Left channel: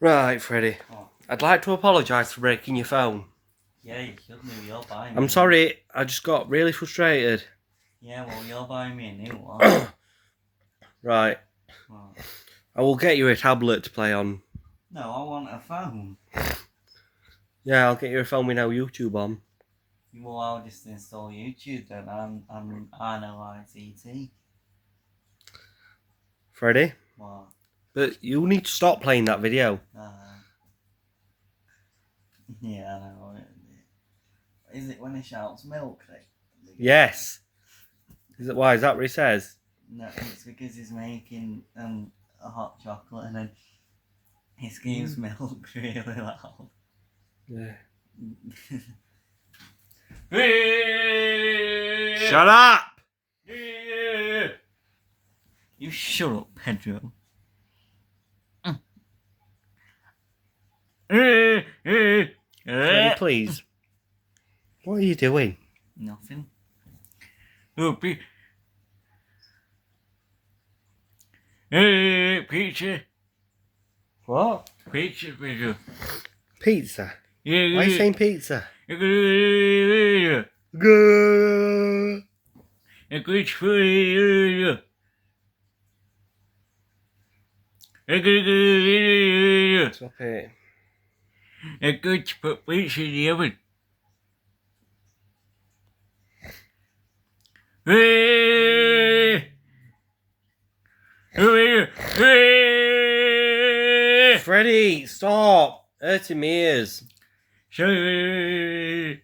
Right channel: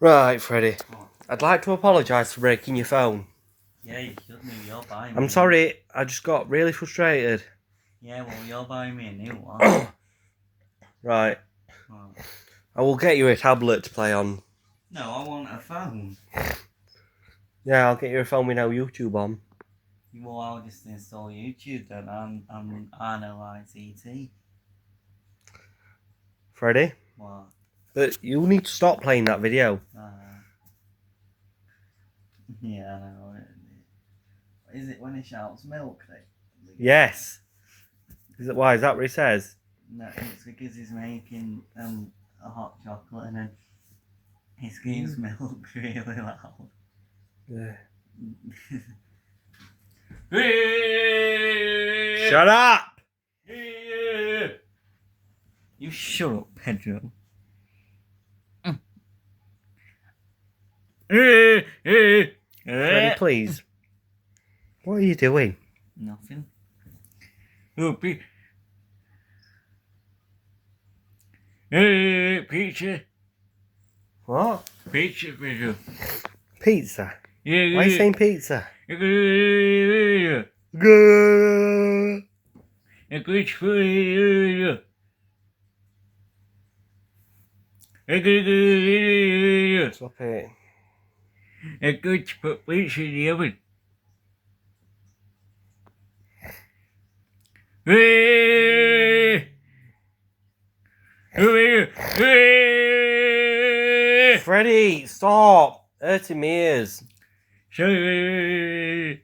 Right, Freddie. What? I'd like to apologise for breaking your phone. Yeah, you should do. You're buying me. I'm sorry, I just got really frustrated. Yeah, well, you're buying me a new one. Right. What? I will get you a tablet to play on. No, I want a phone. Yeah, I'll get you a phone with no YouTube on. Well, I'll just install YouTube then. I know ICT. Freddie? What? But you need to stop playing that video. Yeah, I know. Is it when he shouts milk? Yes. Why? Is that what he says? No, it's because he's making a hot chocolate and then he screams milk really loud. Yeah. Shut up! You shut up, Pedro. Freddie, please. What are you doing? Nothing. Pizza. What? Pizza, Pedro. Pizza? Yeah, Why are you saying pizza? yeah. Good. A good food. Stop it. A good to put pizza in the oven. Freddie, stop! Hurting my ears. Sorry.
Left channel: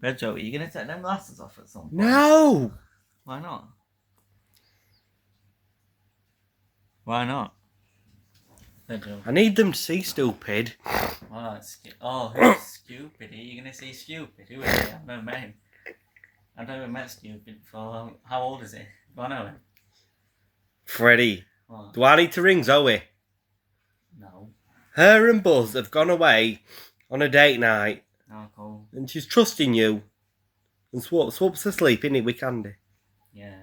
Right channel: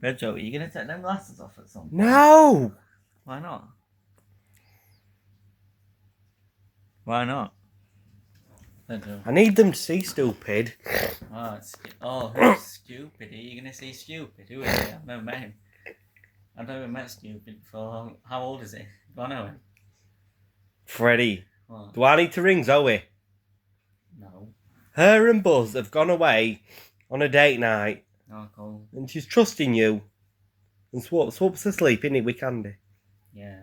Pedro, are you going to take them glasses off at some point? No! Why not? Why not? Pedro. I need them to see, stupid. Oh, who's stupid? Are you going to say stupid? Who is it? I've never met him. I've never met stupid before. How old is he? Do I know him? Freddie, What? do I need to ring Zoe? No. Her and Buzz have gone away on a date night. Oh, cool. And she's trusting you. And Swap's asleep, innit, with Candy? Yeah.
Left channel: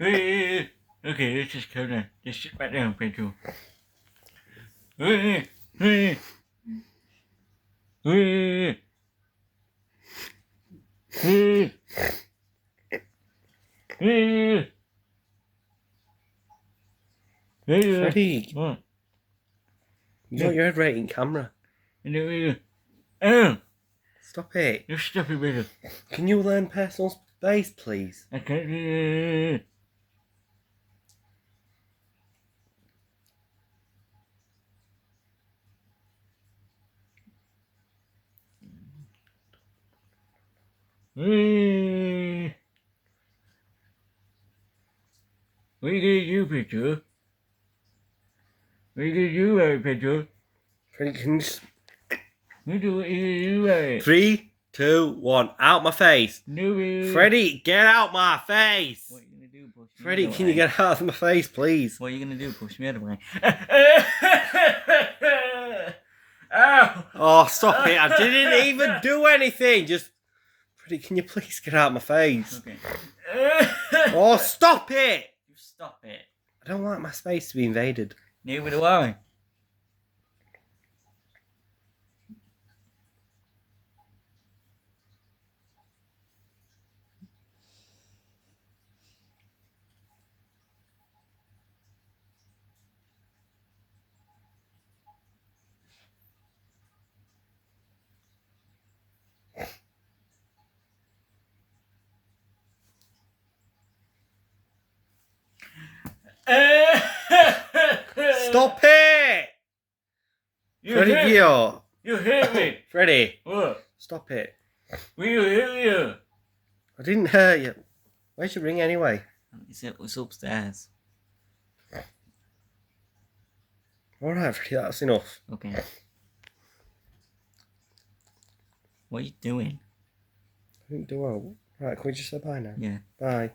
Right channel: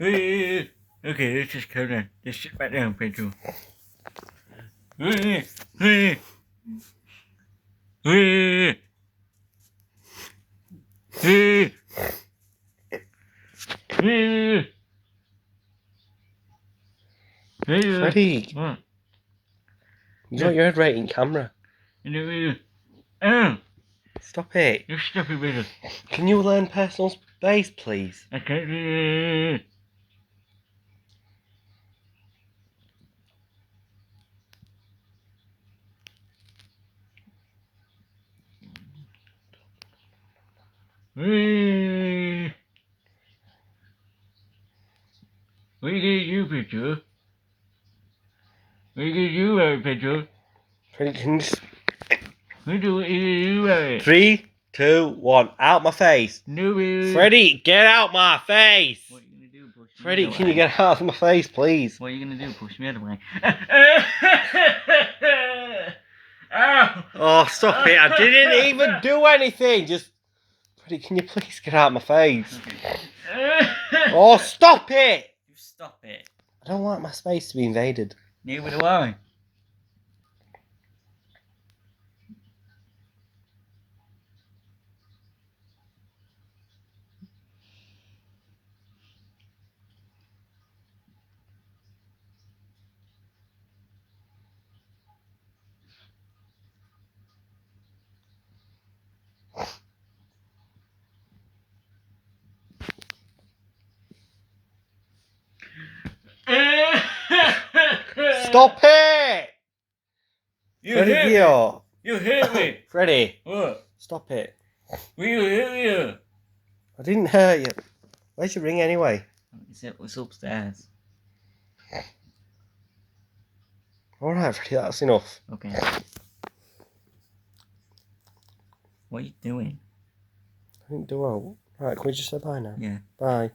Okay, let's just go down. Just sit back down, Pedro. Freddie, What? you got your head right in camera. Oh, Stop it. you stupid Pedro. Can you learn personal space, please? I can't. What are you gonna do, Pedro? What are you gonna do, Pedro? Freddie, can you... What are you gonna do, 3, 2, 1, out my face. No, Freddie, get out my face. What are you gonna do, push me Freddie, away? can you get out of my face, please? What are you gonna do, push me out of the way? Ow! Oh, stop it. I didn't even do anything. Just... Freddie, can you please get out of my face? Okay. Oh, stop it. You stop it. I don't want my space to be invaded. Neither do I. Stop it! You Freddie, hit me. you. You hit me. Freddie, What? stop it. You hit you. I didn't hurt you. Where's your ring anyway? It's upstairs. Alright, Freddie, that's enough. Okay. What are you doing? I didn't do well. Right, can we just say bye now? Yeah. Bye.